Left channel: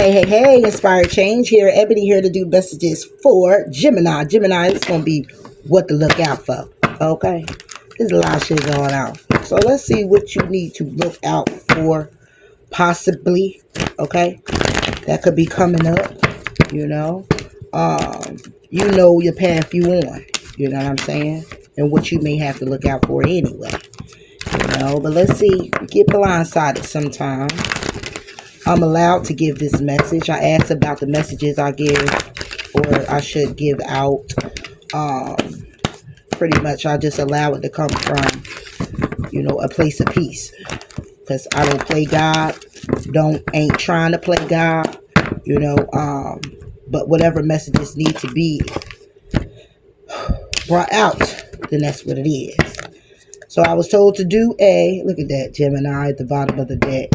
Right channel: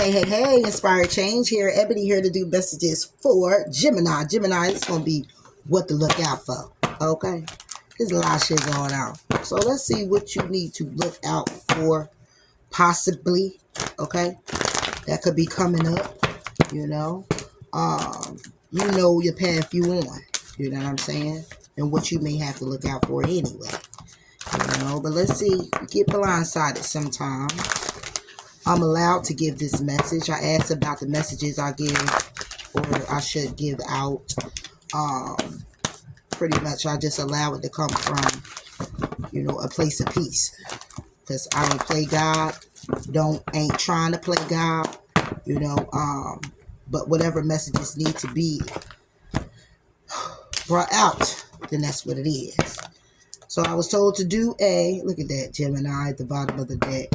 Hey, Inspired Change here. Ebony here to do messages for Gemini. Gemini, it's going to be what to look out for. Okay? There's a lot of shit going on. So let's see what you need to look out for, possibly. Okay? That could be coming up, you know. You know your path you on. You know what I'm saying? And what you may have to look out for anyway. You know, but let's see. You get blindsided sometimes. I'm allowed to give this message. I asked about the messages I give, or I should give out. Pretty much I just allow it to come from, you know, a place of peace. Because I don't play God. Ain't trying to play God. You know, but whatever messages need to be brought out, then that's what it is. So I was told to do look at that, Gemini at the bottom of the deck.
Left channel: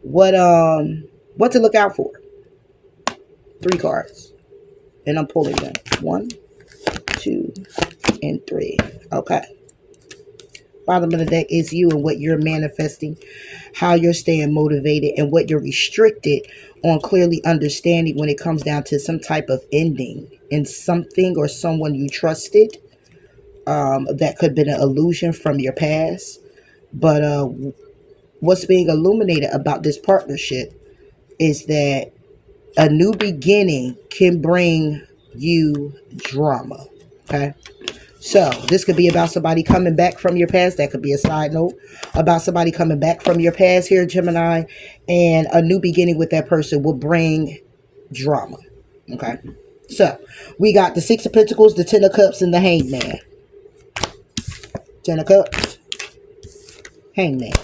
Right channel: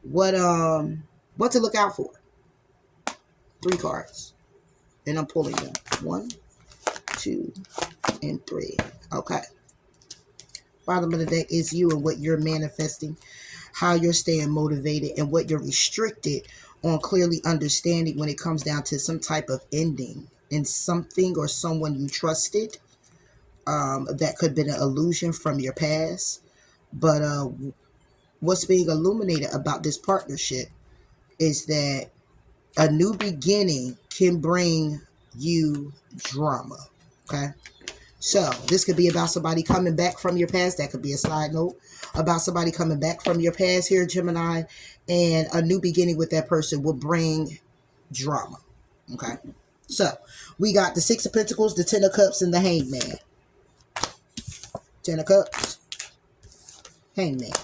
What to look out for? 3 cards. And I'm pulling them. 1, 2, and 3. Okay. Bottom of the deck is you and what you're manifesting, how you're staying motivated, and what you're restricted on clearly understanding when it comes down to some type of ending in something or someone you trusted. That could have been an illusion from your past. But what's being illuminated about this partnership is that a new beginning can bring you drama. Okay. So this could be about somebody coming back from your past. That could be a side note about somebody coming back from your past here, Gemini. And a new beginning with that person will bring drama. Okay. So we got the 6 of Pentacles, the 10 of Cups, and the Hangman. 10 of Cups, Hangman.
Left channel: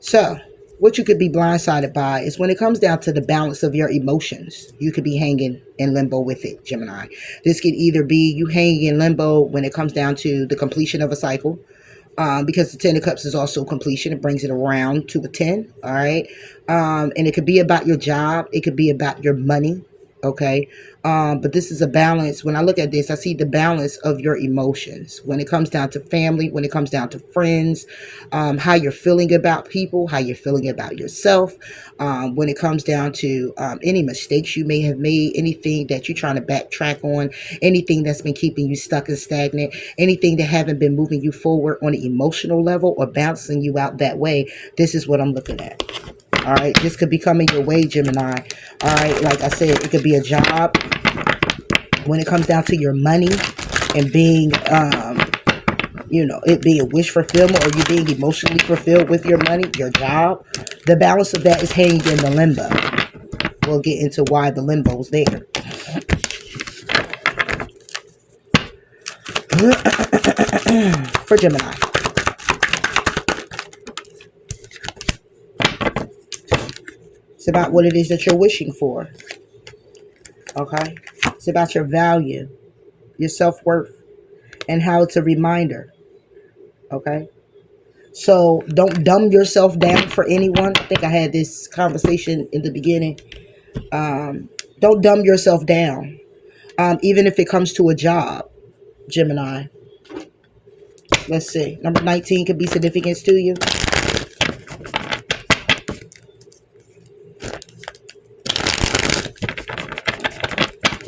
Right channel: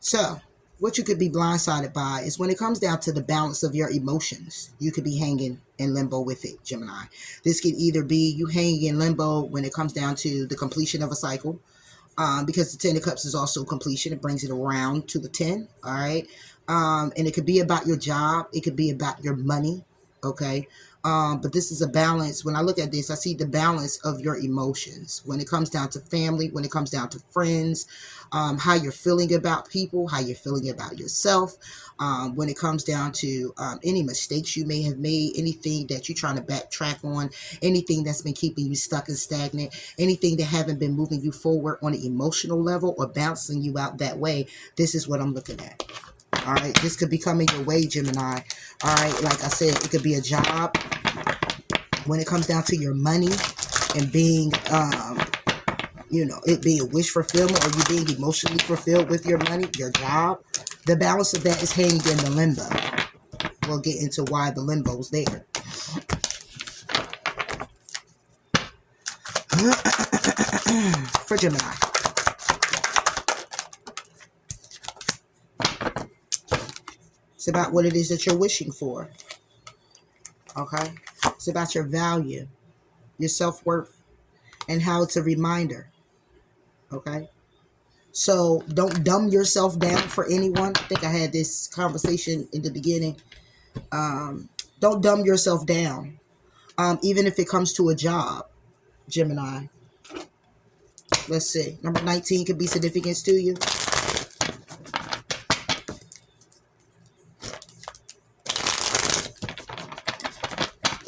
So what you could be blindsided by is when it comes down to the balance of your emotions, you could be hanging in limbo with it, Gemini. This could either be you hanging in limbo when it comes down to the completion of a cycle, because the 10 of Cups is also completion. It brings it around to the 10, all right? And it could be about your job. It could be about your money, okay? But this is a balance. When I look at this, I see the balance of your emotions. When it comes down to family, when it comes down to friends, how you're feeling about people, how you're feeling about yourself. When it comes down to any mistakes you may have made, anything that you're trying to backtrack on, anything that's been keeping you stuck and stagnant, anything that haven't been moving you forward on an emotional level or bouncing you out that way. This is what I'm looking at. All right, this could be coming your way, Gemini. All right, like I said, it could be a job. When it comes down to your money and being, you know, it being wish fulfillment or you being emotionally fulfilled with your money, your job, the balance of that is hanging in the limbo. We'll get into why the limbo's there. For Gemini. It's about what it is that you're wishing for. Okay? It's about your value, your self-worth, and how it's a reminder. Okay? So don't dumb yourself down for anyone. I think I had this conversation in the beginning. Don't dumb yourself down. Even if it comes to a job, Gemini. Let's see. Number 19 could be significance to you.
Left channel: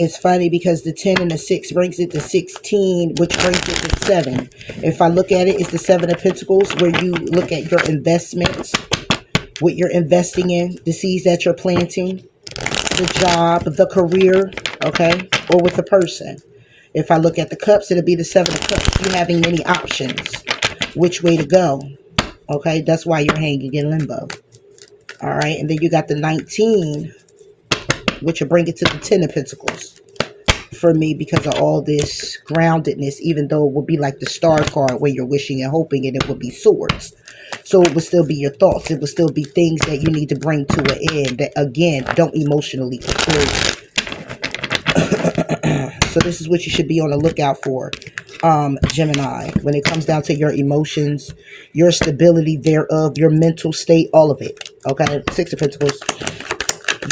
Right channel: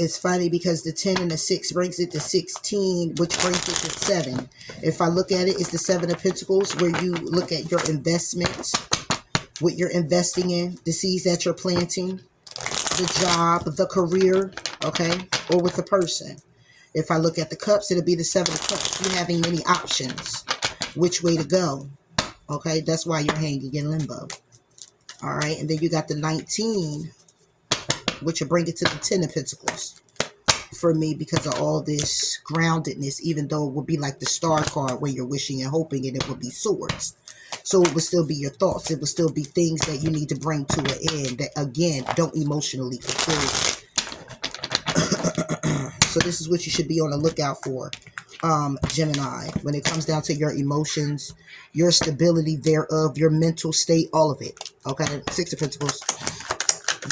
It's funny because the 10 and the 6 brings it to 16, which brings it to 7. If I look at it, it's the 7 of Pentacles, where you look at your investments, what you're investing in, the seeds that you're planting, the job, the career, okay, or with the person. If I look at the Cups, it'll be the 7 of Cups. You're having many options, which way to go, okay? That's why you're hanging in limbo, all right? And then you got the 19, which will bring it to the 10 of Pentacles for me because of all this groundedness, even though it would be like the star card where you're wishing and hoping, and it would be swords. So it would still be your thoughts. It would still be things that you need to bring to an end that, again, don't emotionally fulfill you. So this is what you should be on the lookout for, Gemini. When it comes down to your emotions, your stability thereof, your mental state, all of it. Okay? 6 of Pentacles.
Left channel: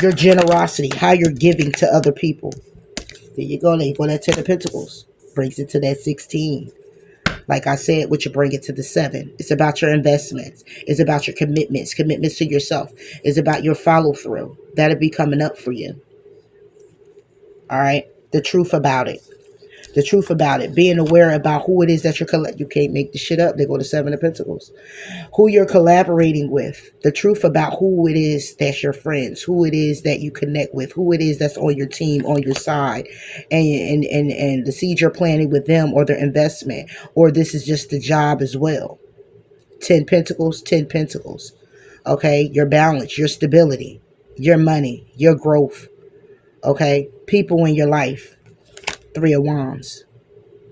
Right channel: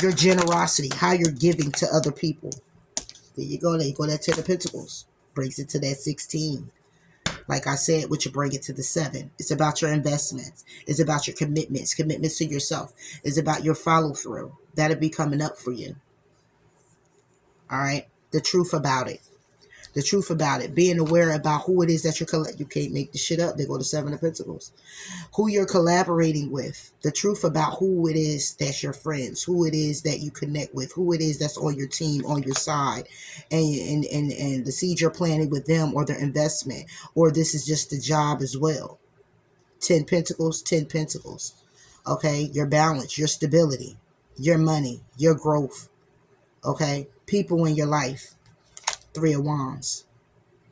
Your generosity, how you're giving to other people. There you go. There you go. That 10 of Pentacles brings it to that 16. Like I said, what you bring it to the 7. It's about your investments. It's about your commitments to yourself. It's about your follow through. That'll be coming up for you. All right. The truth about it. The truth about it. Being aware about who it is that you're you can't make the shit up. They go to 7 of Pentacles. Who you're collaborating with. The truth about who it is that's your friends. Who it is that you connect with. Who it is that's on your team, on your side. And the seed you're planting with them or their investment. Or this is just the job as well. 10 Pentacles, 10 Pentacles. Okay? Your balance, your stability, your money, your growth. Okay? People in your life. 3 of Wands.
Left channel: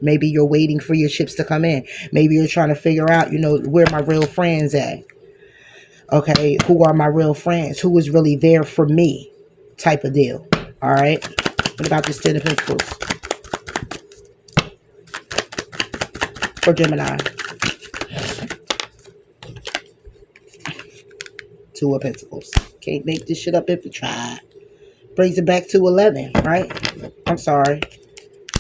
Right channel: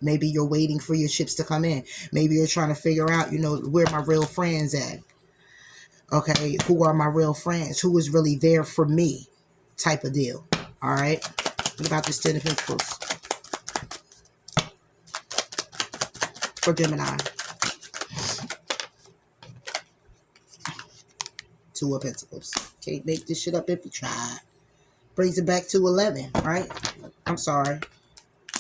Maybe you're waiting for your ships to come in. Maybe you're trying to figure out, where my real friends at. Okay, who are my real friends? Who is really there for me? Type of deal. All right. What about this 10 of Pentacles for Gemini? 2 of Pentacles. Can't make this shit up if you try. Brings it back to 11, right? I'm sorry.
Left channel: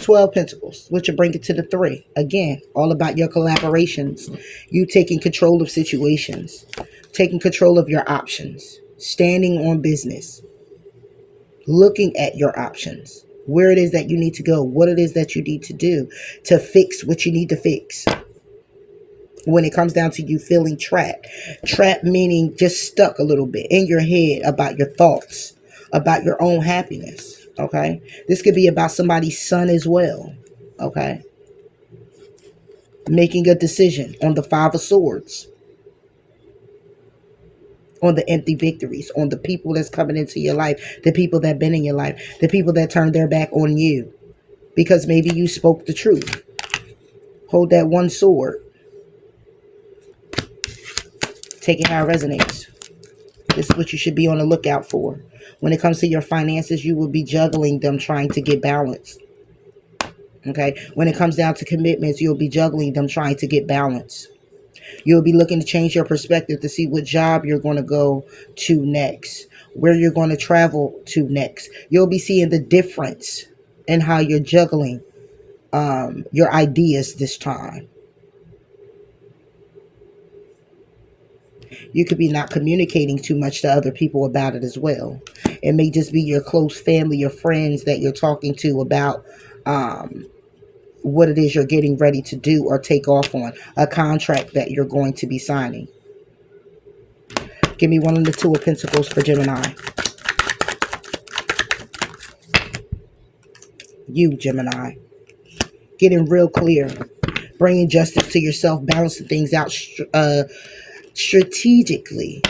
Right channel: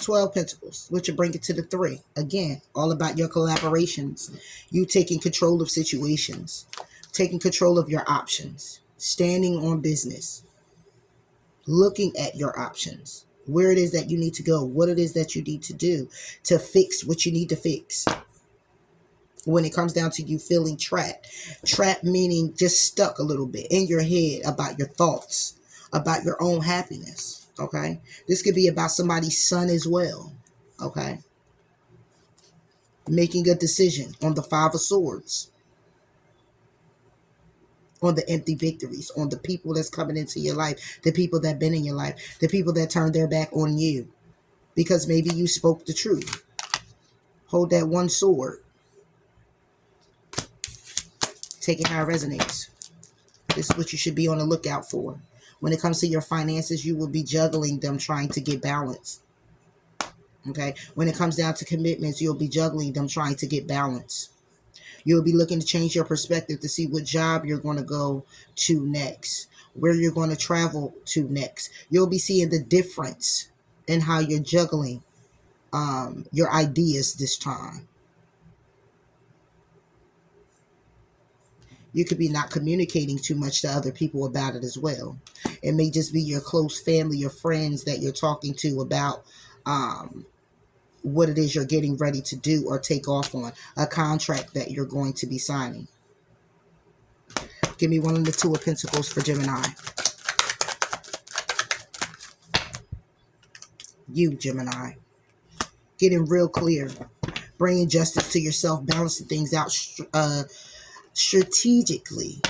12 Pentacles, which will bring it to the 3. Again, all about your collaborations. You taking control of situations. Taking control of your options. Standing on business. Looking at your options. Where it is that you need to go. What it is that you need to do to fix what you need to fix. When it comes down to you feeling trapped. Trapped meaning just stuck a little bit in your head about your thoughts. About your own happiness. Okay, this could be about somebody's son as well. Okay, making a decision on the 5 of Swords, on the empty victories, on the people that's coming into your life, the people that been in your life, the people that turned their back on you because maybe you spoke the truth. Hold that 1 sword. Take it how it resonates. This is what you should be on the lookout for. When it comes to your finances, you will be juggling them, trying to get balance. Okay. When it comes down to commitments, you'll be juggling them, trying to get balance. You'll be looking to change your perspective to see what job you're going to go to next, where you're going to travel to next. You'll be seeing the difference in how you're juggling your ideas this time. You could be not communicating too much to other people about it as well. It may just be your close family, your friends that you're talking to about what it is you're getting ready to do or take off on, a contract that you're going to be signing. Give me 1 of the 2 of Pentacles for Gemini. You, Gemini. Getting real clear. Bringing justice to yourself. Balancing things out strategically.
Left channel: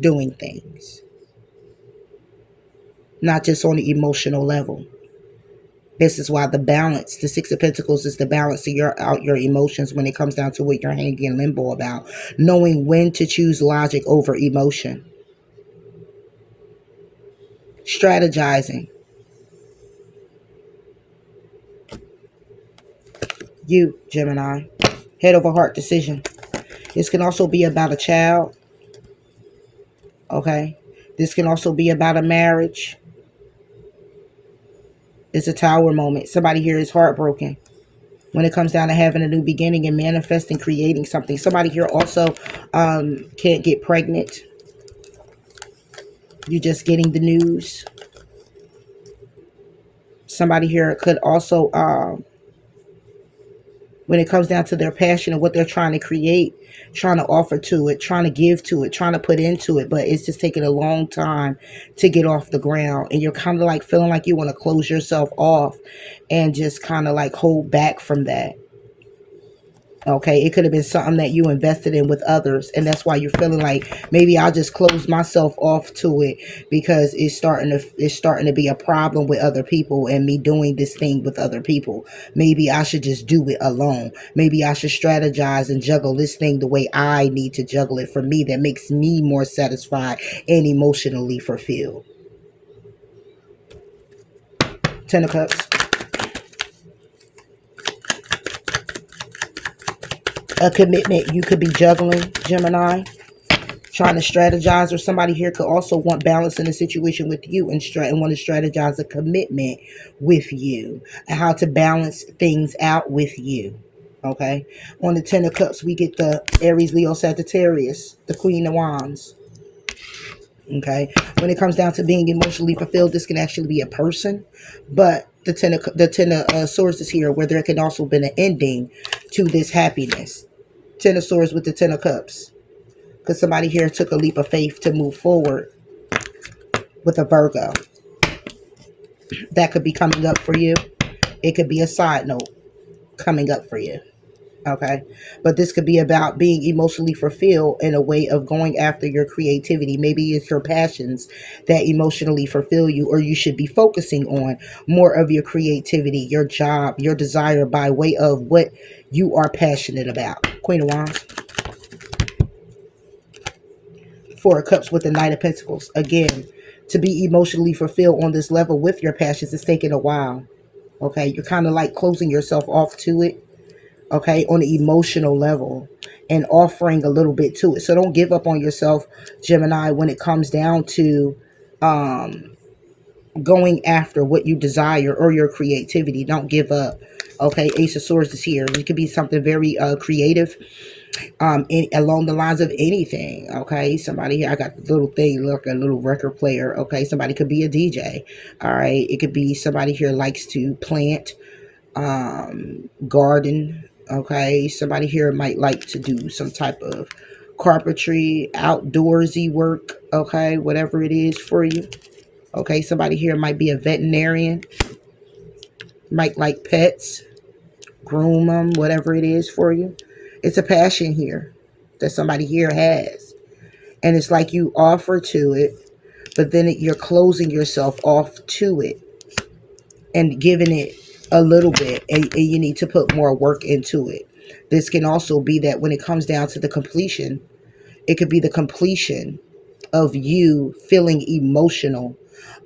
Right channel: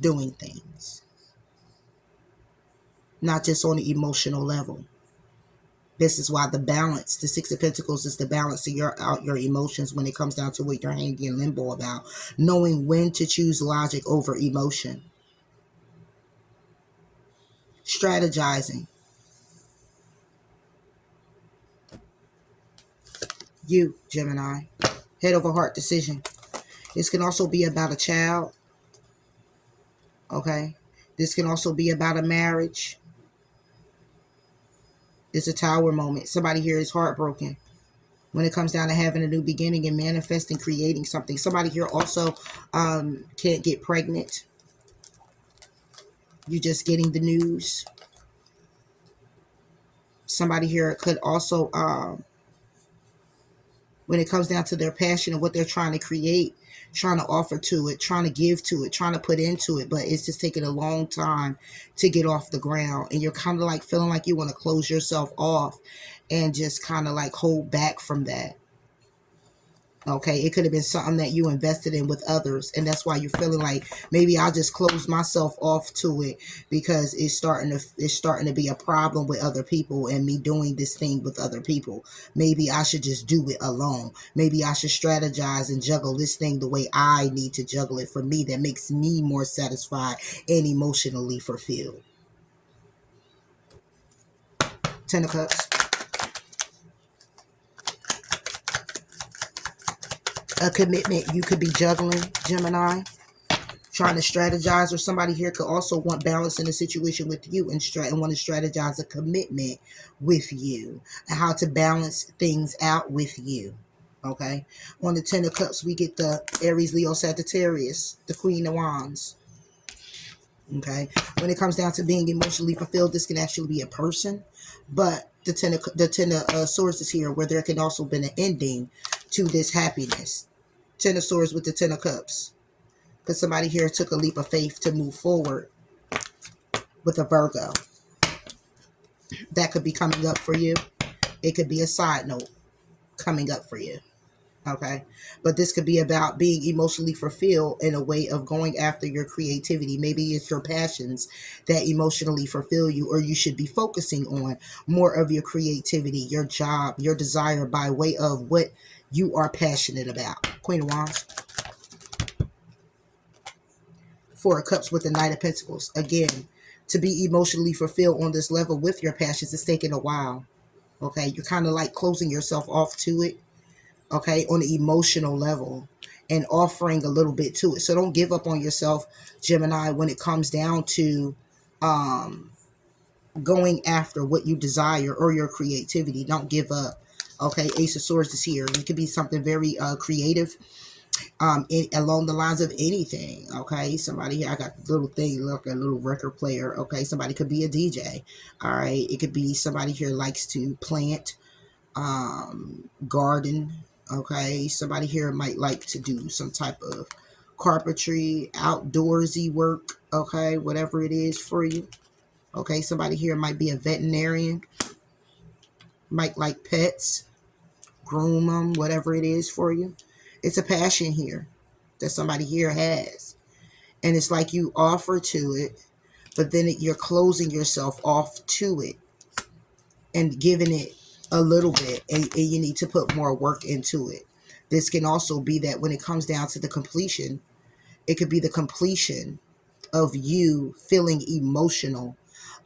Doing things. Not just on the emotional level. This is why the balance, the 6 of Pentacles is the balance of your emotions when it comes down to what you're hanging in limbo about. Knowing when to choose logic over emotion. Strategizing. You, Gemini. Head over heart decision. This can also be about a child. Okay. This can also be about a marriage. It's a Tower moment. Somebody here is heartbroken when it comes down to having a new beginning and manifesting, creating something. Somebody here also can't get pregnant. You're just getting the news. Somebody here could also, when it comes down to their passion and what they're trying to create, trying to offer to it, trying to give to it, trying to put into it, but it's just taking a long time to get off the ground. And you're kind of like feeling like you want to close yourself off and just kind of like hold back from that. Okay, it could have been something that you invested in with others, and that's why you're feeling like maybe I'll just close myself off to it because it's starting to be a problem with other people and me doing this thing with other people. Maybe I should just do it alone. Maybe I should strategize and juggle this thing the way I need to juggle it for me, that makes me more satisfied and emotionally fulfilled. 10 of Cups. A commitment you could be juggling, Gemini. trying to strategize, or somebody here could also want balance in a situation with you and want to strategize a commitment with you and how to balance things out with you. Okay, on the Ten of Cups, we get the Aries, Leo, Sagittarius, the Queen of Wands. Okay, when it comes down to being emotionally fulfilled, this can actually be a person, but the ten of Swords is here, where there can also been an ending to this happiness. Ten of Swords with the Ten of Cups, because somebody here took a leap of faith to move forward with a Virgo. That could be coming up for you. It could be a side note coming up for you. Okay, but this could be about being emotionally fulfilled in a way of going after your creativity. Maybe it's your passions that emotionally fulfill you, or you should be focusing on more of your creativity, your job, your desire by way of what you are passionate about. Queen of Wands. Four of Cups with the Knight of Pentacles. Again, to be emotionally fulfilled on this level with your passions is taking a while. Okay, you're kind of like closing yourself off to it. Okay, on the emotional level, and offering a little bit to it. So don't give up on yourself, Gemini, when it comes down to going after what you desire or your creativity. Don't give up. Okay, Ace of Swords is here. It could be something very creative, along the lines of anything. Okay, somebody here, I got the little thing, look, a little record player. Okay, somebody could be a DJ. All right, it could be somebody here likes to plant, garden. Okay, somebody here might like to do some type of carpentry, outdoorsy work. Okay, whatever it is for you. Okay, somebody here might be a veterinarian, might like pets, groom them, whatever it is for you. It's a passion here that somebody here has, and it's like you offer to it, but then you're closing yourself off to it and giving it a little bit, and you need to put more work into it. This can also be that when it comes down to the completion, it could be the completion of you feeling emotional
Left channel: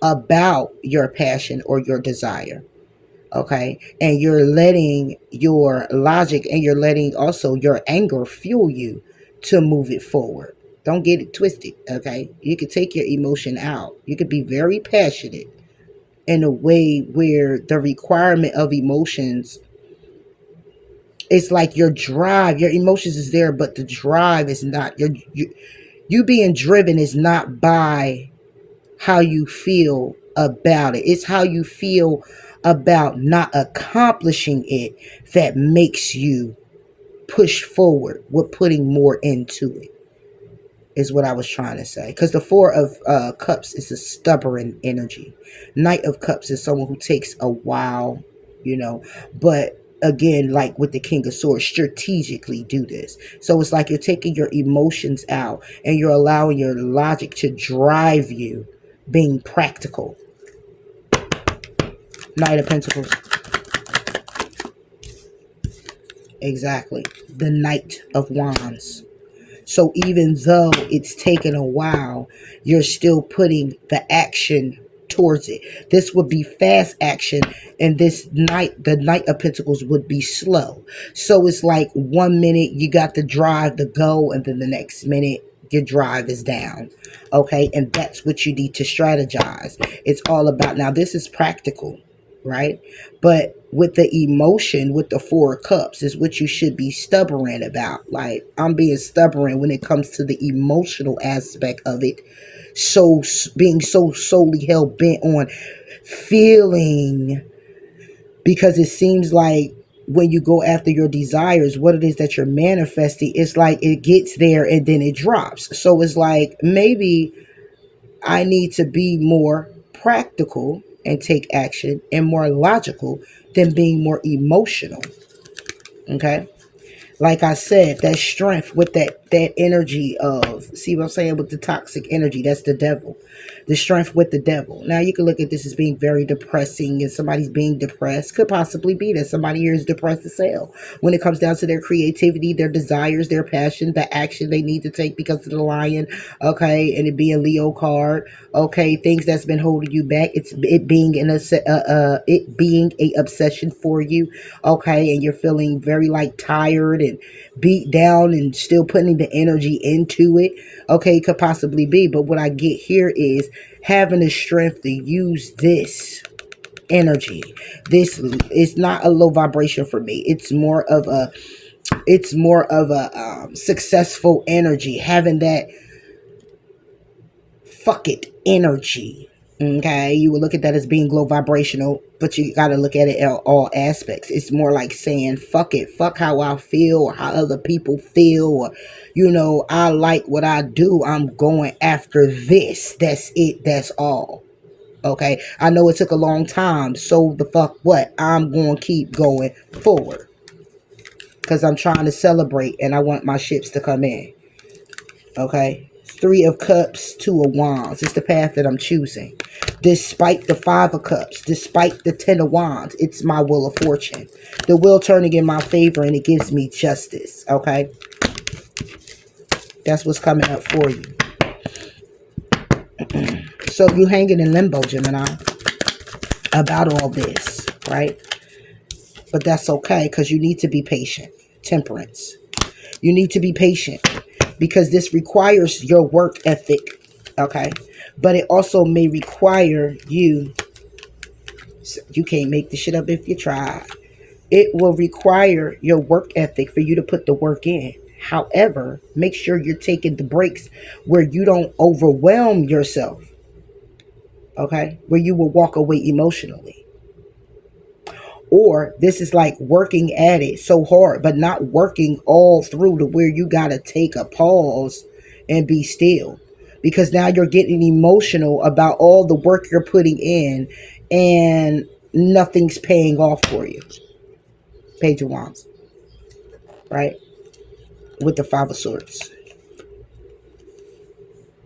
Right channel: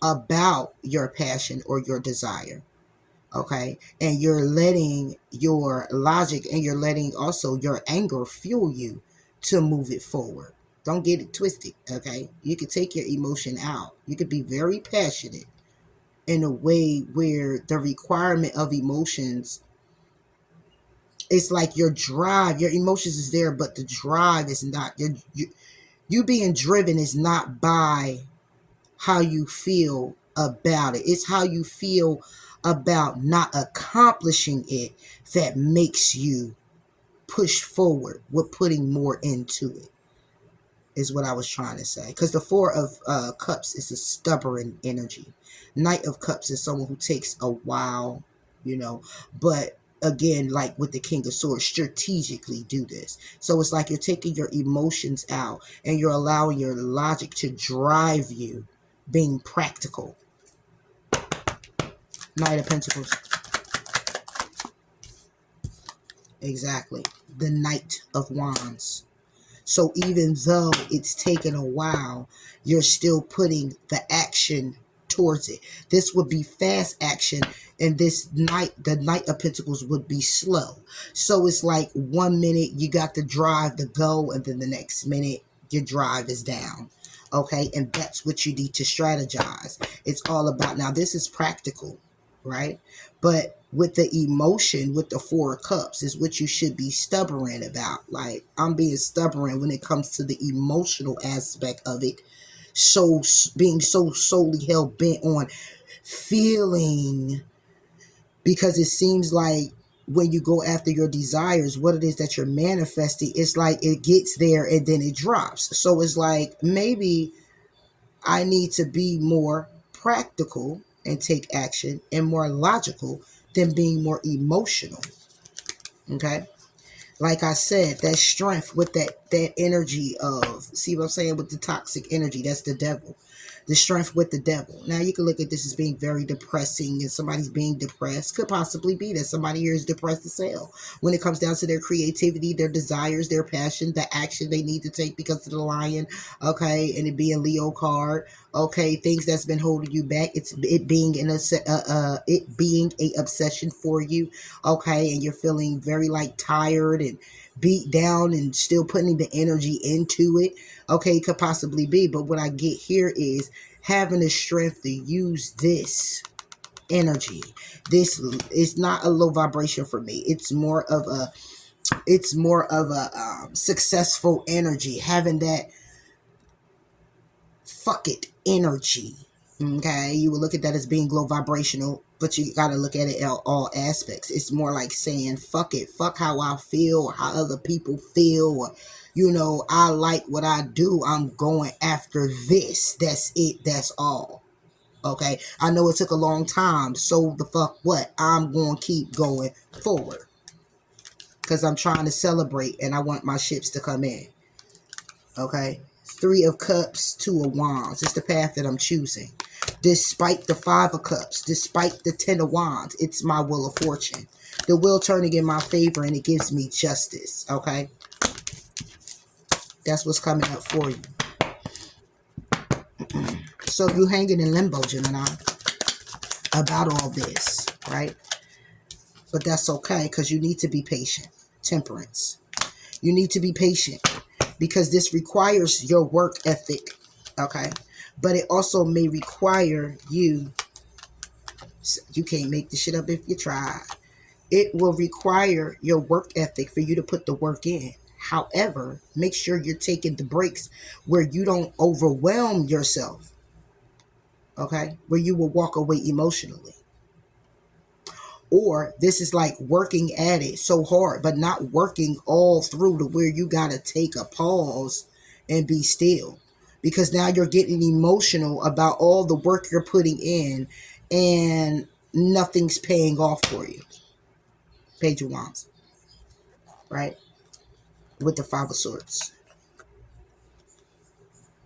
about your passion or your desire. Okay, and you're letting your logic and you're letting also your anger fuel you to move it forward. Don't get it twisted. Okay, you could take your emotion out. You could be very passionate in a way where the requirement of emotions, it's like your drive, your emotions is there, but the drive is not. You being driven is not by how you feel about it. It's how you feel about not accomplishing it that makes you push forward with putting more into it, is what I was trying to say. Because the Four of Cups is a stubborn energy. Knight of Cups is someone who takes a while, but again, like with the King of Swords, strategically do this. So it's like you're taking your emotions out and you're allowing your logic to drive you, being practical. Knight of Pentacles. Exactly. The Knight of Wands. So even though it's taken a while, you're still putting the action towards it. This would be fast action, and the Knight of Pentacles would be slow. So it's like 1 minute you got the drive, the go, and then the next minute your drive is down. Okay, and that's what you need to strategize. It's all about, now this is practical, right? But with the emotion, with the Four of Cups, is what you should be stubborn about. Like, I'm being stubborn when it comes to the emotional aspect of it. So being so solely hell bent on feeling, because it seems like when you go after your desires, what it is that you're manifesting, it's like it gets there and then it drops. So it's like, maybe I need to be more practical and take action and more logical than being more emotional. Okay. Like I said, that strength with that energy of, see what I'm saying, with the toxic energy, that's the devil. The strength with the devil. Now you can look at this as being very depressing, and somebody's being depressed. Could possibly be that somebody here is depressed as hell when it comes down to their creativity, their desires, their passion, the action they need to take because of the Lion. Okay, and it being Leo card. Okay, things that's been holding you back. It being a obsession for you. Okay, and you're feeling very like tired and beat down and still putting the energy into it. Okay, it could possibly be. But what I get here is having the strength to use this energy. This is not a low vibration for me. It's more of a successful energy, having that fuck it energy. Okay, you will look at that as being low vibrational, but you got to look at it at all aspects. It's more like saying fuck it, fuck how I feel or how other people feel, or, you know, I like what I do, I'm going after this. That's it, that's all. Okay, I know it took a long time, so the fuck what, I'm going to keep going forward because I'm trying to celebrate and I want my ships to come in. Okay, 3 of Cups, 2 of Wands. It's the path that I'm choosing. Despite the 5 of Cups, despite the 10 of Wands, it's my wheel of fortune. The wheel turning in my favor and it gives me justice. Okay, that's what's coming up for you. So you hanging in limbo, Gemini, about all this, right? But that's okay because you need to be patient. Temperance. You need to be patient because this requires your work ethic, okay? But it also may require you can't make this shit up if you try. It will require your work ethic for you to put the work in. However, make sure you're taking the breaks where you don't overwhelm yourself, okay? Where you will walk away emotionally. Or this is like working at it so hard, but not working all through to where you got to take a pause and be still. Because now you're getting emotional about all the work you're putting in and nothing's paying off for you. Page of Wands, right? With the 5 of Swords.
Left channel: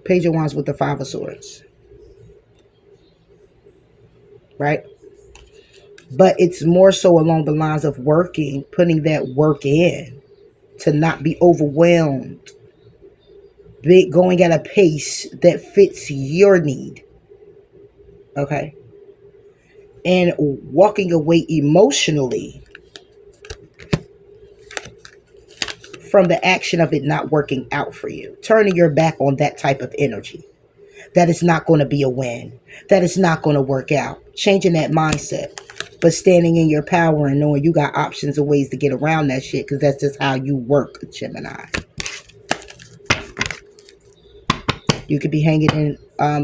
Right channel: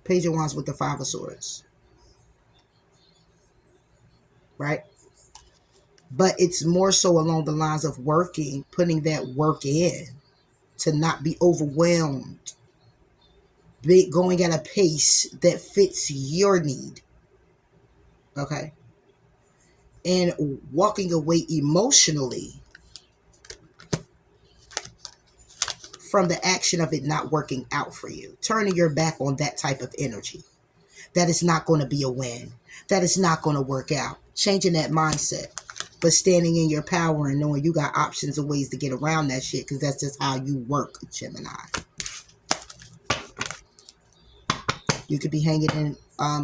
Page of Wands with the 5 of Swords, right? But it's more so along the lines of working, putting that work in to not be overwhelmed. Going at a pace that fits your need. Okay. And walking away emotionally from the action of it not working out for you. Turning your back on that type of energy. That is not going to be a win. That is not going to work out. Changing that mindset. But standing in your power and knowing you got options and ways to get around that shit. Because that's just how you work, Gemini. You could be hanging in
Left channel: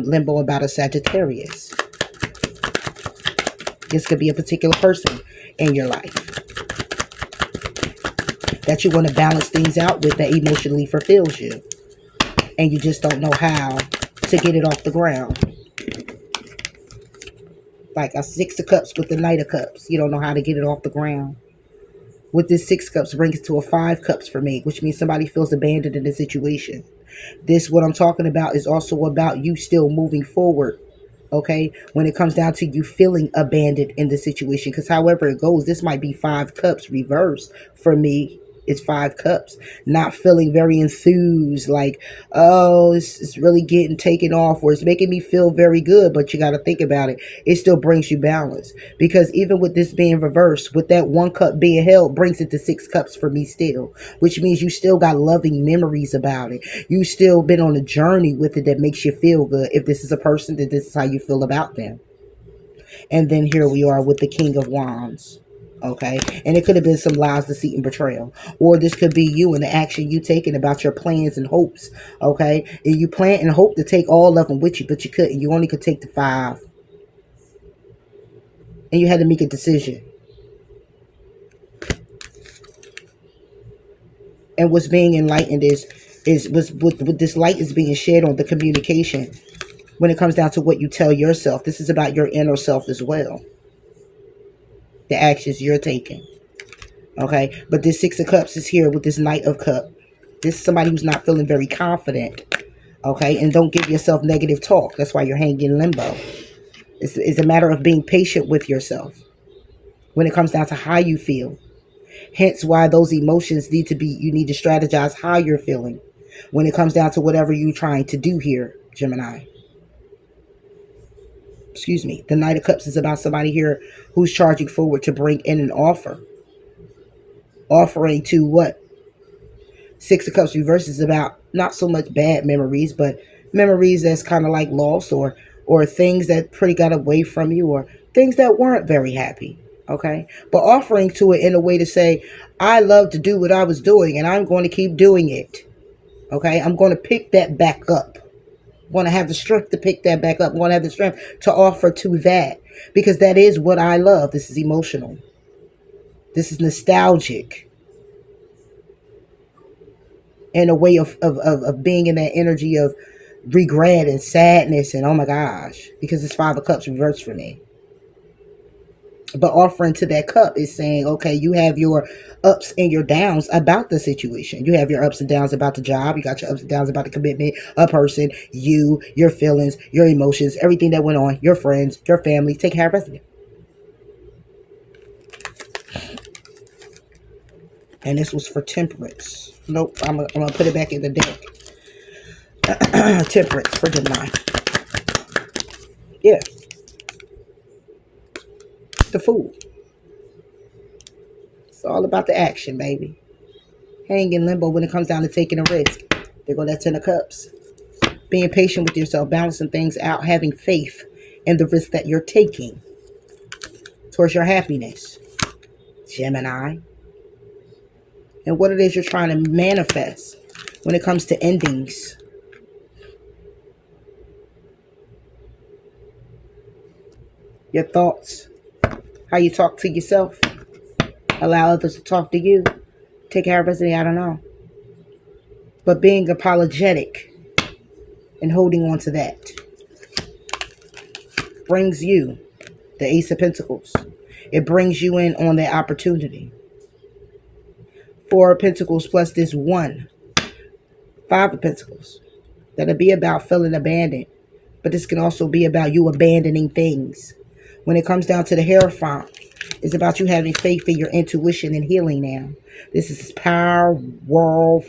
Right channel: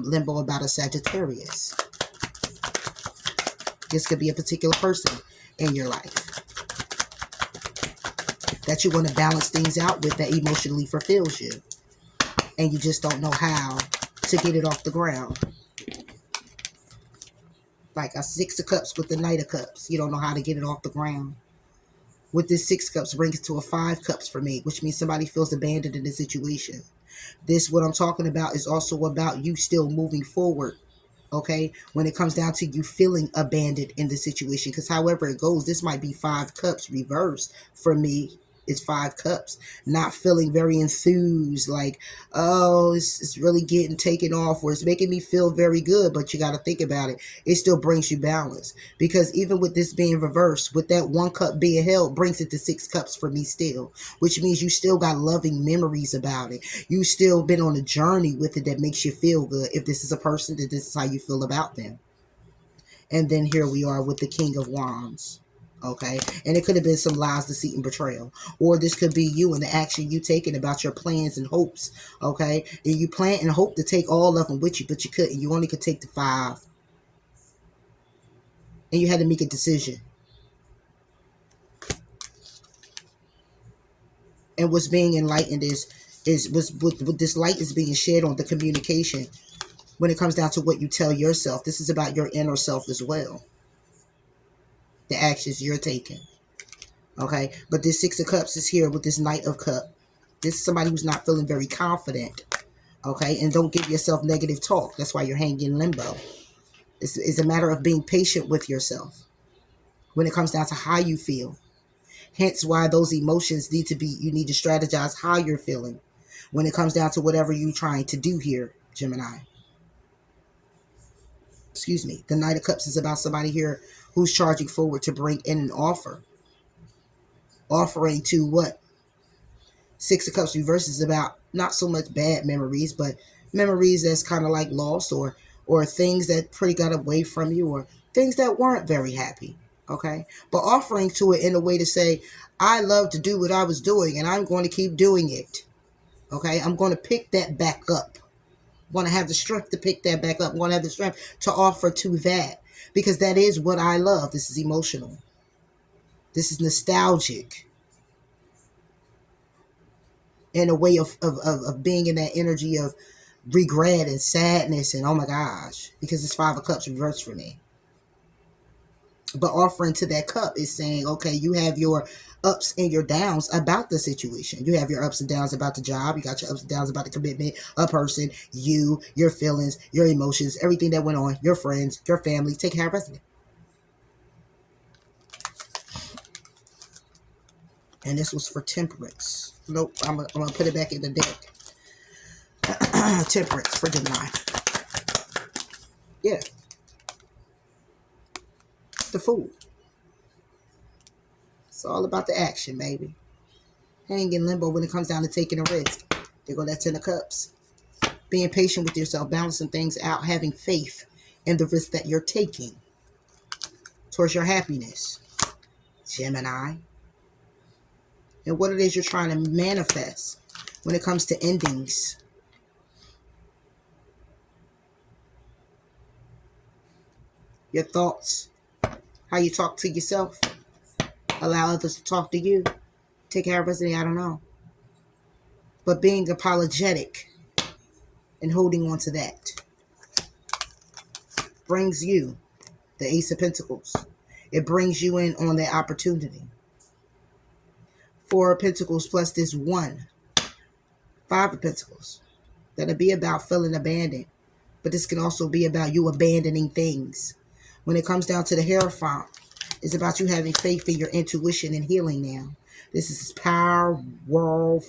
limbo about a Sagittarius. This could be a particular person in your life that you want to balance things out with, that emotionally fulfills you. And you just don't know how to get it off the ground. Like a 6 of Cups with the Knight of Cups. You don't know how to get it off the ground. With this 6 Cups brings to a 5 Cups for me, which means somebody feels abandoned in this situation. This, what I'm talking about, is also about you still moving forward. Okay, when it comes down to you feeling abandoned in the situation, because however it goes, this might be 5 Cups reversed for me. It's 5 Cups, not feeling very enthused, like, oh, it's really getting taken off, or it's making me feel very good. But you got to think about it, it still brings you balance, because even with this being reversed, with that 1 cup being held, brings it to 6 Cups for me still, which means you still got loving memories about it. You still been on a journey with it that makes you feel good. If this is a person, that this is how you feel about them. And then here we are with the King of Wands. Okay, and it could have been some lies, deceit, and betrayal, or this could be you and the action you taking about your plans and hopes. Okay, and you plan and hope to take all of them with you, but you couldn't. You only could take the 5, and you had to make a decision. And what's being enlightened was with this light is being shared on the communication. When it comes down to what you tell yourself, this is about your inner self as well. The actions you're taking. Okay, but this 6 of Cups is here with this Knight of Cups. This is somebody who's not feeling very confident. Okay, and don't give yourself negative talk. That's why you're hanging in limbo. It's a matter of being patient with yourself when it comes down to how you feel. Hence why those emotions need to be, you need to strategize how you're feeling when it comes down to whatever you're trying to do here, Gemini. Excuse me. The Knight of Cups is about somebody here who's charging forward to bring in an offer. Offering to what? Six of Cups reverse is about not so much bad memories, but memories that's kind of like lost, or things that pretty got away from you, or things that weren't very happy. Okay, but offering to it in a way to say, I love to do what I was doing, and I'm going to keep doing it. Okay, I'm going to pick that back up. I'm going to have the strength to pick that back up. I'm going to have the strength to offer to that, because that is what I love. This is emotional. This is nostalgic, and a way of being in that energy of regret and sadness and oh my gosh, because it's Five of Cups reversed for me. But offering to that cup is saying, okay, you have your ups and your downs about the situation. You have your ups and downs about the job. You got your ups and downs about the commitment, a person, you, your feelings, your emotions, everything that went on, your friends, your family. Take care of it. And this was for Temperance. Nope, I'm gonna put it back in the deck. Temperance for Gemini. Yeah, the Fool. It's all about the action, baby. Hang in limbo when it comes down to taking a risk. There go that Ten of Cups. Being patient with yourself, balancing things out, having faith in the risk that you're taking towards your happiness, Gemini. And what it is you're trying to manifest when it comes to endings. Your thoughts, how you talk to yourself, allow others to talk to you. Take care of everything, I don't know. But being apologetic and holding on to that brings you the Ace of Pentacles. It brings you in on that opportunity. Four of Pentacles plus this one. Five of Pentacles. That'll be about feeling abandoned. But this can also be about you abandoning things. When it comes down to the Hierophant, it's about you having faith in your intuition and healing now. This is powerful.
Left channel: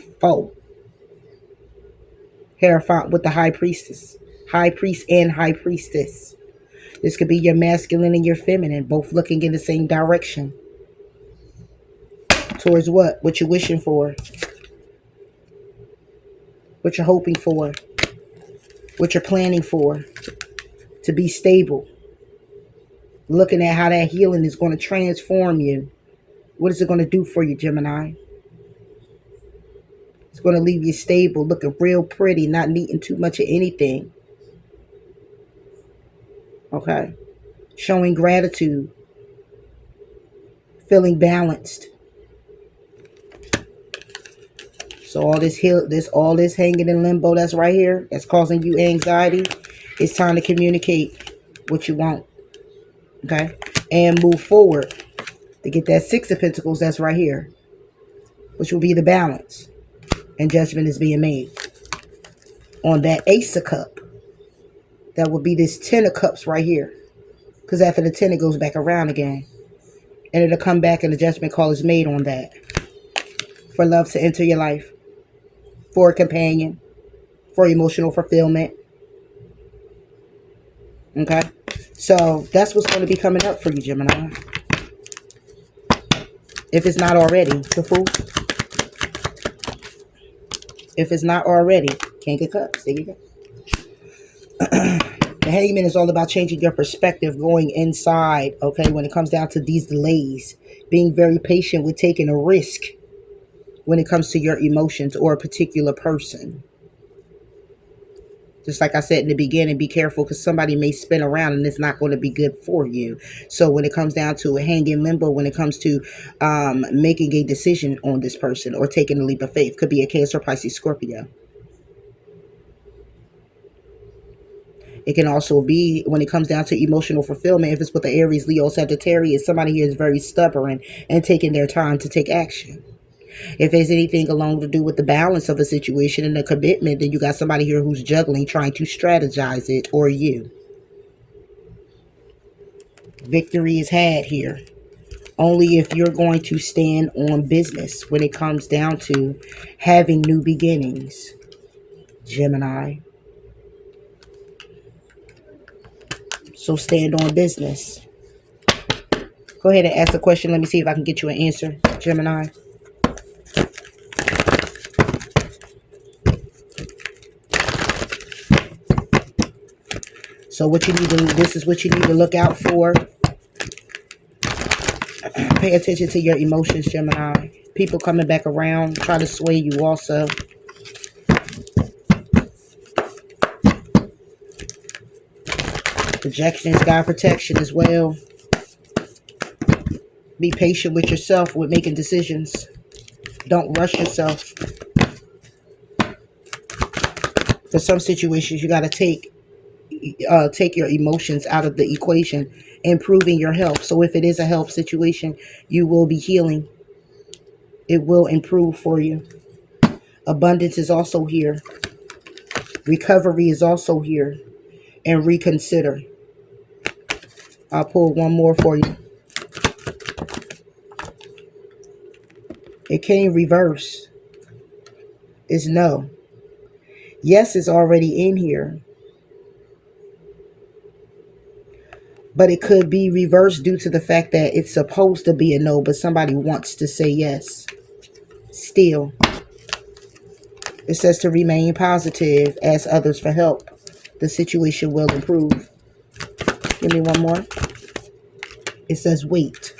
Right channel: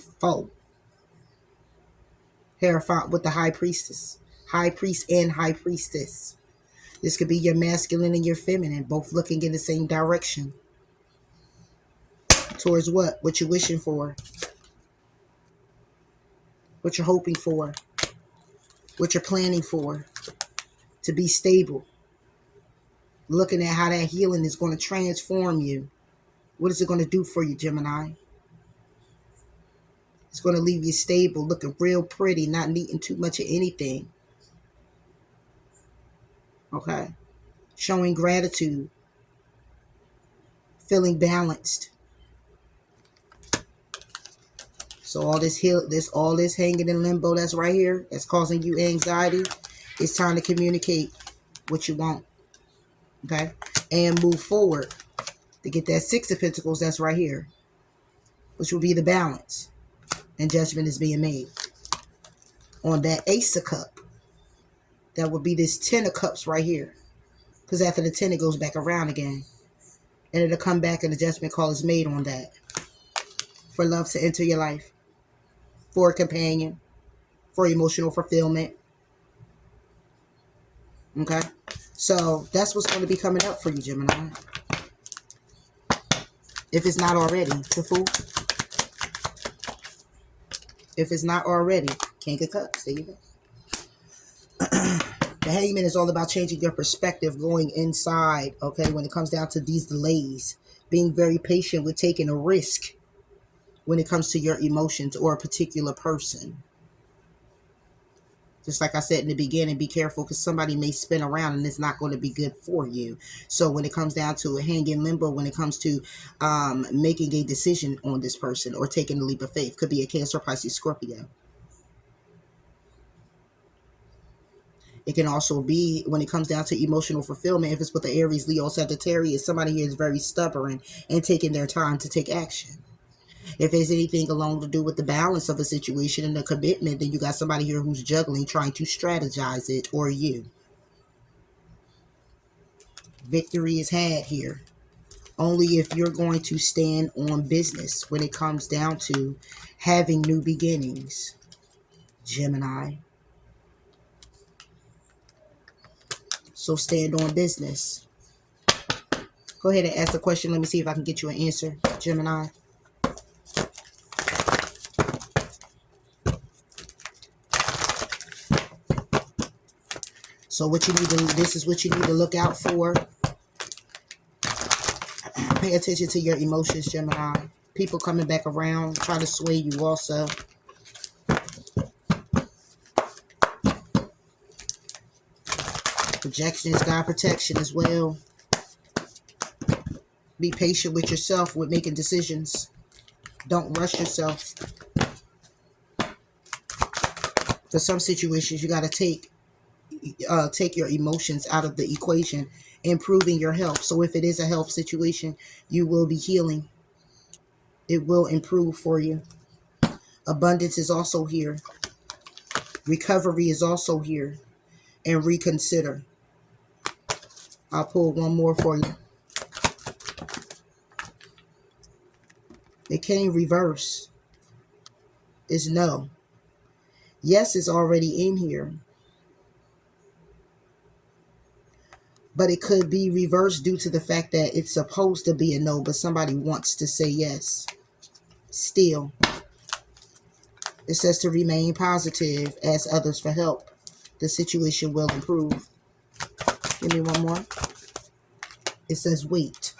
Hierophant with the High Priestess. High Priest and High Priestess. This could be your masculine and your feminine, both looking in the same direction. Towards what? What you're wishing for. What you're hoping for. What you're planning for. To be stable. Looking at how that healing is going to transform you. What is it going to do for you, Gemini? It's going to leave you stable, looking real pretty, not needing too much of anything. Okay? Showing gratitude. Feeling balanced. So all this hanging in limbo that's right here, that's causing you anxiety, it's time to communicate what you want. Okay? And move forward to get that Six of Pentacles that's right here, which will be the balance. And judgment is being made on that Ace of Cup. That would be this Ten of Cups right here. Because after the 10, it goes back around again. And it'll come back and the judgment call is made on that. For love to enter your life. For a companion. For emotional fulfillment. Okay? So that's what's going to be coming up for you, Gemini. If it's not already, the Fool. If it's not already, King of Cups. There you go. The Hangman is all about changing your perspective, going inside, okay, when it comes down to these delays. Being very patient with taking a risk when it comes to your emotions or a particular person. Just like I said in the beginning, be careful because somebody may spin around and it's not going to be good for you. So when it comes down to a hang in limbo, when it comes to making a decision on this person or taking a leap of faith, could be a Cancer, Pisces, Scorpio. It can also be when it comes down to emotional fulfillment. If it's with the Aries, Leo, Sagittarius, somebody here is very stubborn and taking their time to take action. If there's anything along to do with the balance of the situation and the commitment, then you got somebody here who's juggling, trying to strategize it, or you. Victory is had here. Only if you're going to stand on business when it comes down to having new beginnings, Gemini. So stand on business. Go ahead and ask a question. Let me see if I can get you an answer, Gemini. So what you need to, this is what you need to look out for. Pay attention to your emotions, Gemini. People coming back around, try to sway you also. Projections, God protection as well. Be patient with yourself with making decisions. Don't rush yourself. For some situations, you got to take your emotions out of the equation, improving your health. So if it is a health situation, you will be healing. It will improve for you. Abundance is also here. Recovery is also here. And reconsider. I'll pull one more for you. It came reverse. Is no. Yes is already in here. But it could be reversed due to the fact that it's supposed to be a no, but somebody wants to say yes. Still. It says to remain positive, ask others for help. The situation will improve. Give me one more. It says wait.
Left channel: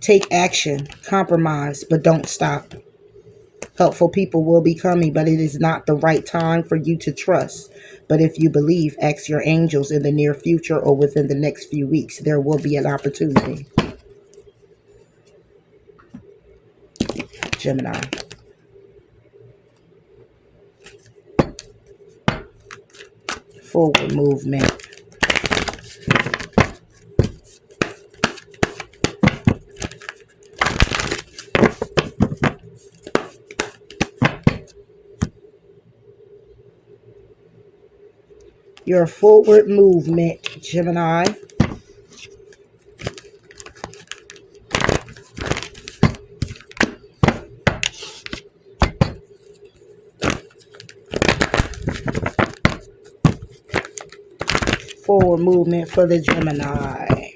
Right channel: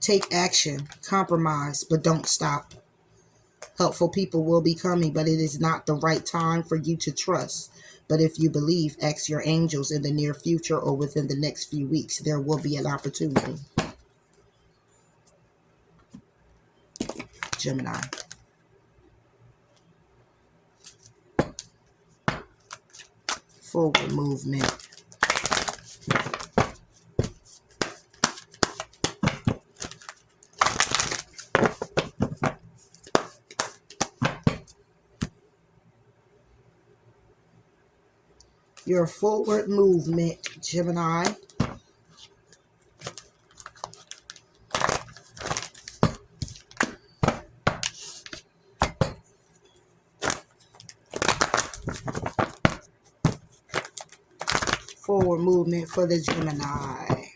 Take action. Compromise, but don't stop. Helpful people will be coming, but it is not the right time for you to trust. But if you believe, ask your angels in the near future or within the next few weeks, there will be an opportunity. Gemini. Forward movement. Your forward movement, Gemini. Forward movement for the Gemini.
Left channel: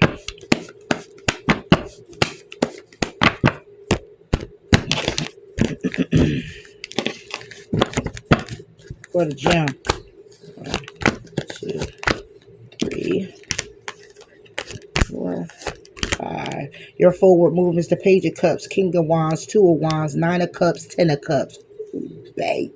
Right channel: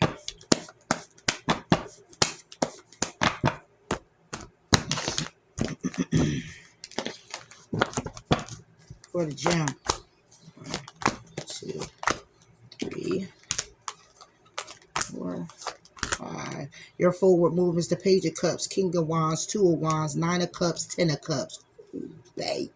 For the Gem. 1, 2, 3, 4, 5. Your forward movement is the Page of Cups, King of Wands, 2 of Wands, 9 of Cups, 10 of Cups. Baby.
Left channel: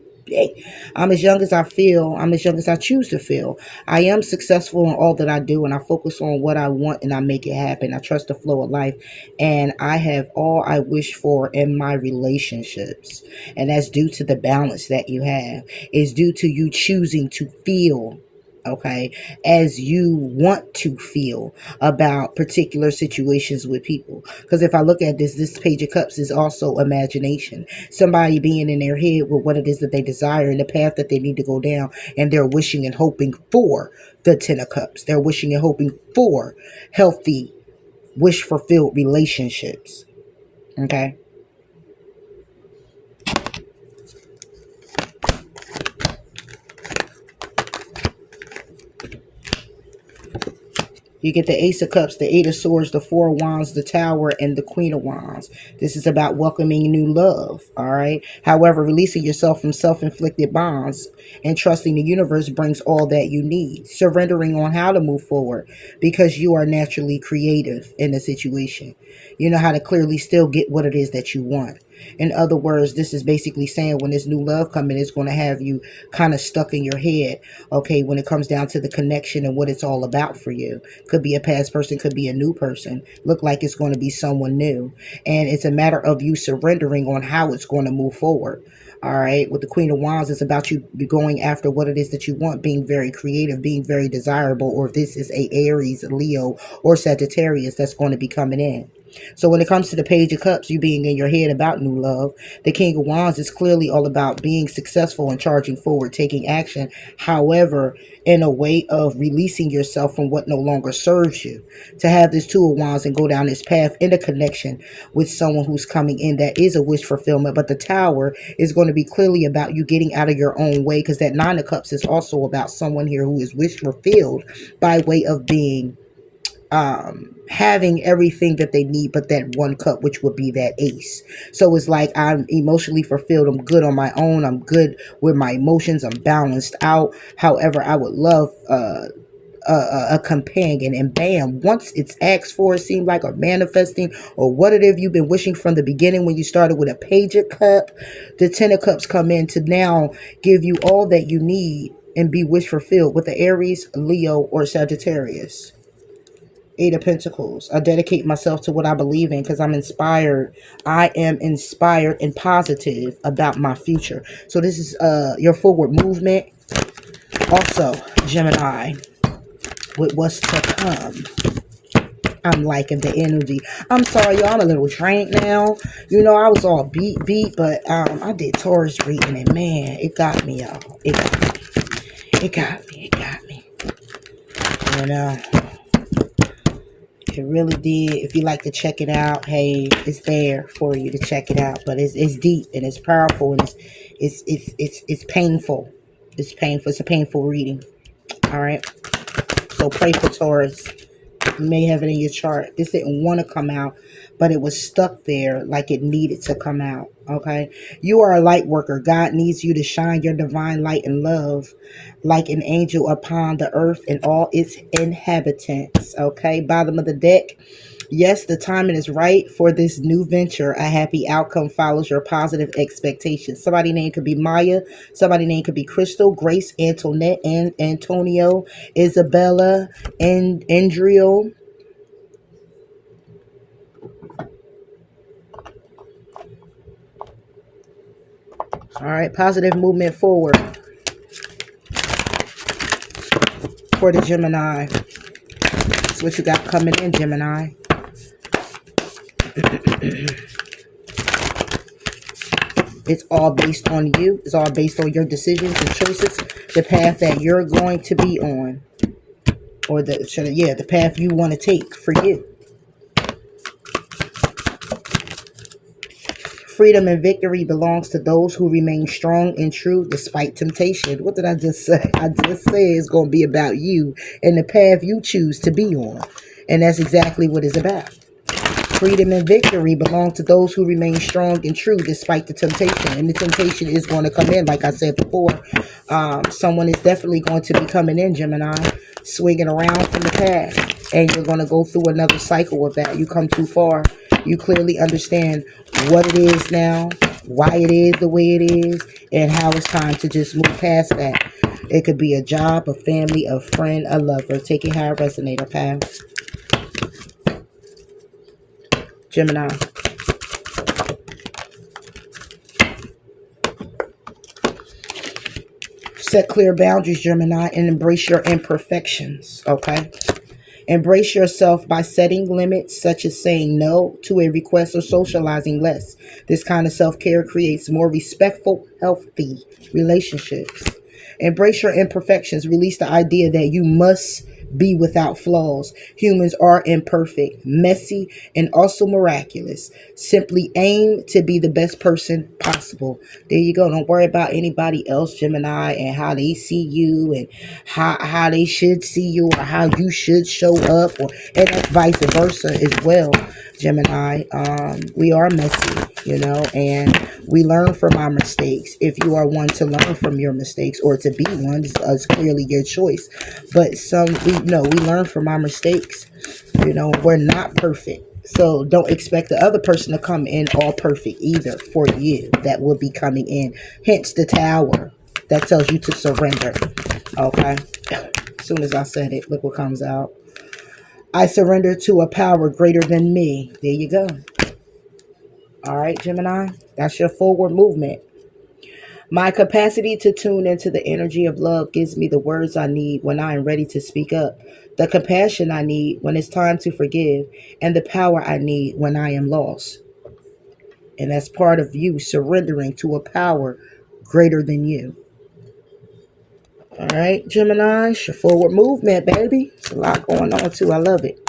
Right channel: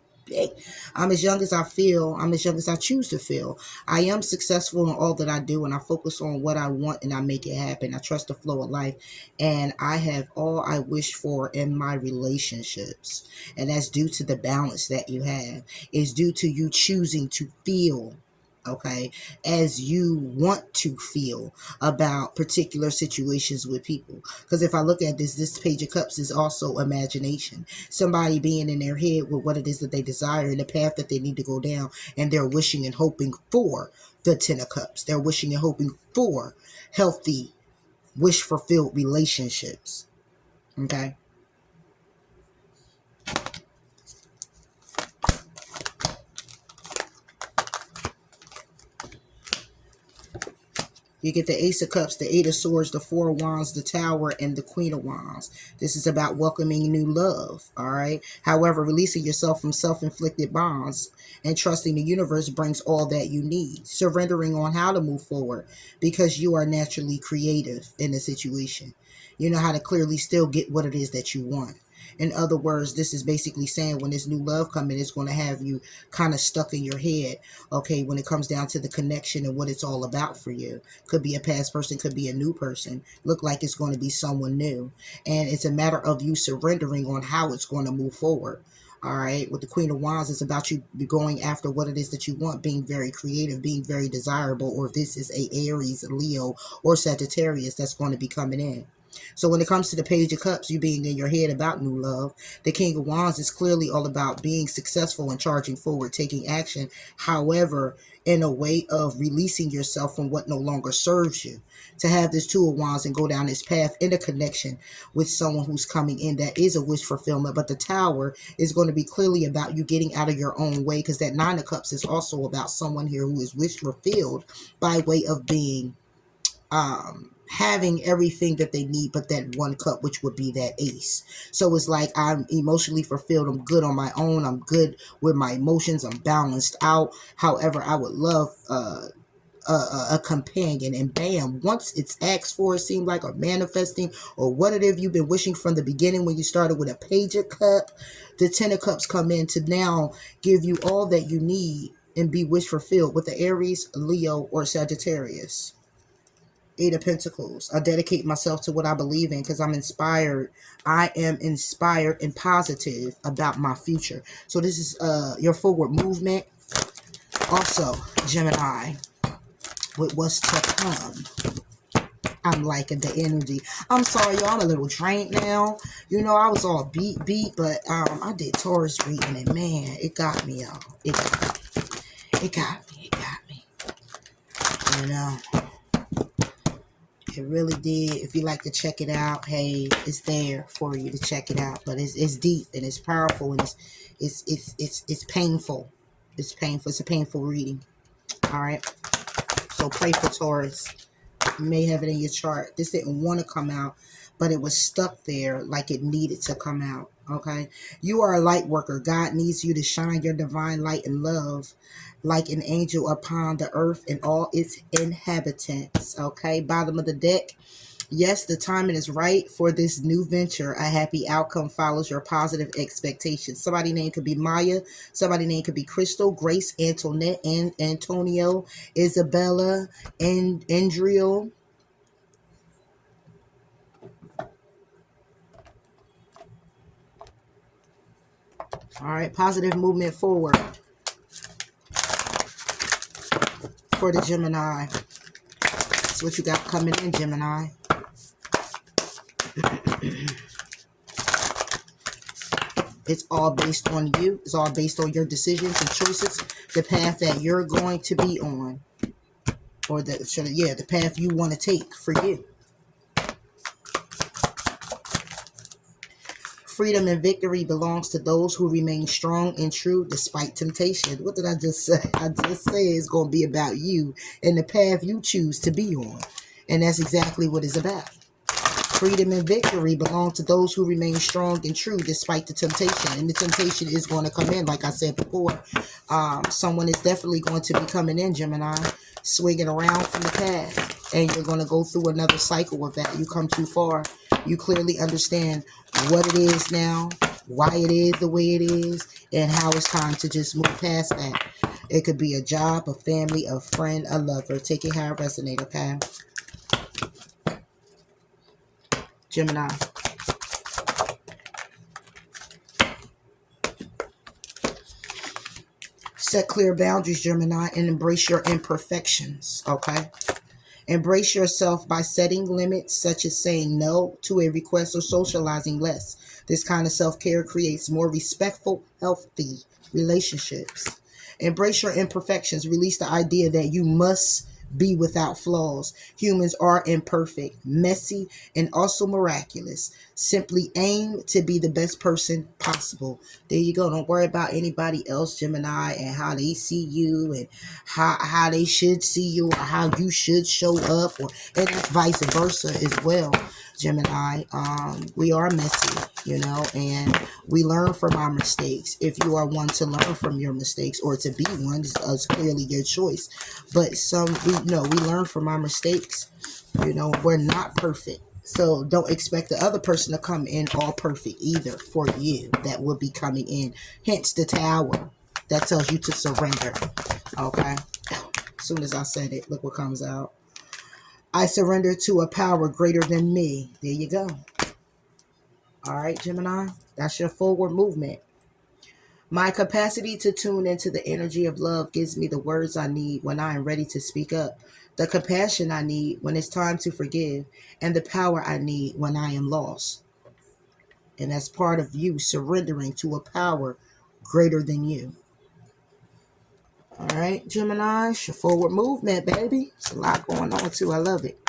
I'm as young as I feel. I'm as young as I choose to feel. I am successful in all that I do, and I focus on what I want, and I make it happen. I trust the flow of life, and I have all I wish for in my relationships. And that's due to the balance that you have. It's due to you choosing to feel, okay, as you want to feel about particular situations with people. Because if I look at this Page of Cups is also imagination. Somebody being in their head with what it is that they desire and the path that they need to go down, and they're wishing and hoping for the 10 of Cups. They're wishing and hoping for healthy, wish-fulfilled relationships. Okay? You get the Ace of Cups, the 8 of Swords, the 4 of Wands, the Tower, and the Queen of Wands. This is about welcoming new love, all right? However, releasing yourself from self-inflicted bonds and trusting the universe brings all that you need. Surrendering on how to move forward because you are naturally creative in the situation. You know how to clearly still get what it is that you want. In other words, this is basically saying when this new love coming, it's going to have you kind of stuck in your head, okay, when it comes down to the connection and what it's all about for you. Could be a past person, could be a new person. Look like it's going to be someone new. And it's a matter of you surrendering on how it's going to move forward. All right. With the Queen of Wands, it's about you going after what it is that you want, being very creative, being very desirable, or if this is a Aries, Leo, or Sagittarius that's going to be coming in. So when it comes to the Page of Cups, you being in your head about new love, the King of Wands is clearly all about being successful and charging forward, taking action. However, in a way of releasing yourself from what no longer serves you. To have this 2 of Wands and go down this path in a connection with someone who's coming in that is a wish fulfillment. But the Tower is going to be clearly about you getting out of your own way, because that 9 of Cups is also about someone here who is wish fulfilled by way of being having everything that they need but that one cup, which would be that Ace. So it's like I'm emotionally fulfilled, I'm good on my own, I'm good with my emotions, I'm balanced out. However, I would love a companion, and bam, once it's asked for, it seemed like, or manifesting, or what it is you've been wishing from the beginning when you started with a page of cup, the 10 of cups come in to now give you all that you need and be wish fulfilled with the Aries, Leo, or Sagittarius. 8 of Pentacles. I dedicate myself to what I believe in because I'm inspired. I am inspired and positive about my future. So this is your forward movement. Also, Gemini, with what's to come. I'm liking the energy. I'm sorry, y'all. I'm a little drained now. You know, I was all beat, but I did Taurus reading, and man, it got me, y'all. It got me. It got me. It got me. You know, it really did. If you like to check it out, hey, it's there for you to check it out. But it's deep and it's powerful and it's painful. It's painful. It's a painful reading. All right. So pray for Taurus. You may have it in your chart. This didn't want to come out, but it was stuck there like it needed to come out. Okay. You are a light worker. God needs you to shine your divine light and love like an angel upon the earth and all its inhabitants. Okay. Bottom of the deck. Yes, the timing is right for this new venture. A happy outcome follows your positive expectations. Somebody's name could be Maya. Somebody's name could be Crystal, Grace, Antoinette, and Antonio, Isabella, and Andrio. All right, positive movement forward for the Gemini. That's what you got coming in, Gemini. It's all based on you. It's all based on your decisions and choices, the path that you're going to be on, or the path you want to take for you. Freedom and victory belongs to those who remain strong and true despite temptation. What did I just say? I just said it's going to be about you and the path you choose to be on. And that's exactly what it's about. Freedom and victory belong to those who remain strong and true despite the temptation. And the temptation is going to come in, like I said before. Someone is definitely going to be coming in, Gemini, swinging around from the past. And you're going to go through another cycle of that. You come too far. You clearly understand what it is now, why it is the way it is, and how it's time to just move past that. It could be a job, a family, a friend, a lover. Take it how it resonates, okay? Gemini. Set clear boundaries, Gemini, and embrace your imperfections, okay? Embrace yourself by setting limits, such as saying no to a request or socializing less. This kind of self-care creates more respectful, healthy relationships. Embrace your imperfections. Release the idea that you must be without flaws. Humans are imperfect, messy, and also miraculous. Simply aim to be the best person possible. There you go. Don't worry about anybody else, Gemini, and how they see you and how they should see you or how you should show up, and that's vice versa as well. Gemini, we are messy, and we learn from our mistakes. If you are one to learn from your mistakes or to be one, it's clearly your choice. But we learn from our mistakes. We're not perfect. So don't expect the other person to come in all perfect either for you. That will be coming in. Hence the tower. That tells you to surrender. Okay? As soon as I said it, look what comes out. I surrender to a power greater than me. There you go. All right, Gemini. That's your forward movement. My capacity to tune into the energy of love gives me the words I need when I am ready to speak up, the compassion I need when it's time to forgive, and the power I need when I am lost. And that's part of you surrendering to a power greater than you. All right, Gemini, it's your forward movement, baby. It's a lot going on, too. I love it.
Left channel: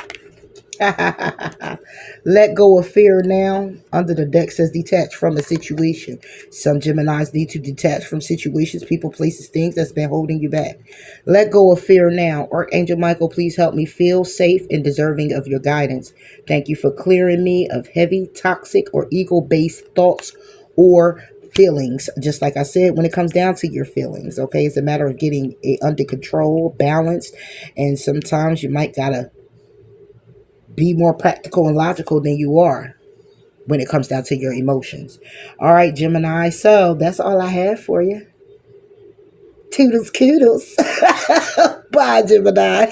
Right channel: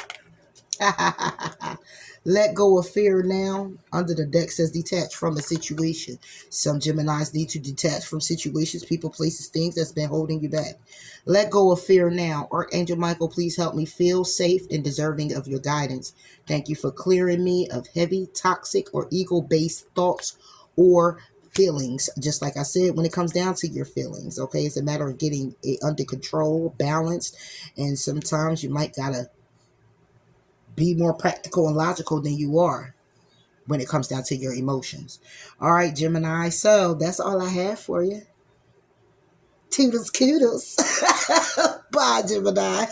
Let go of fear now. Under the deck says detach from a situation. Some Geminis need to detach from situations, people, places, things that's been holding you back. Let go of fear now. Archangel Michael, please help me feel safe and deserving of your guidance. Thank you for clearing me of heavy, toxic, or ego-based thoughts or feelings. Just like I said, when it comes down to your feelings, okay, it's a matter of getting it under control, balanced, and sometimes you might gotta be more practical and logical than you are when it comes down to your emotions. All right, Gemini. So that's all I have for you. Toodles, koodles. Bye, Gemini.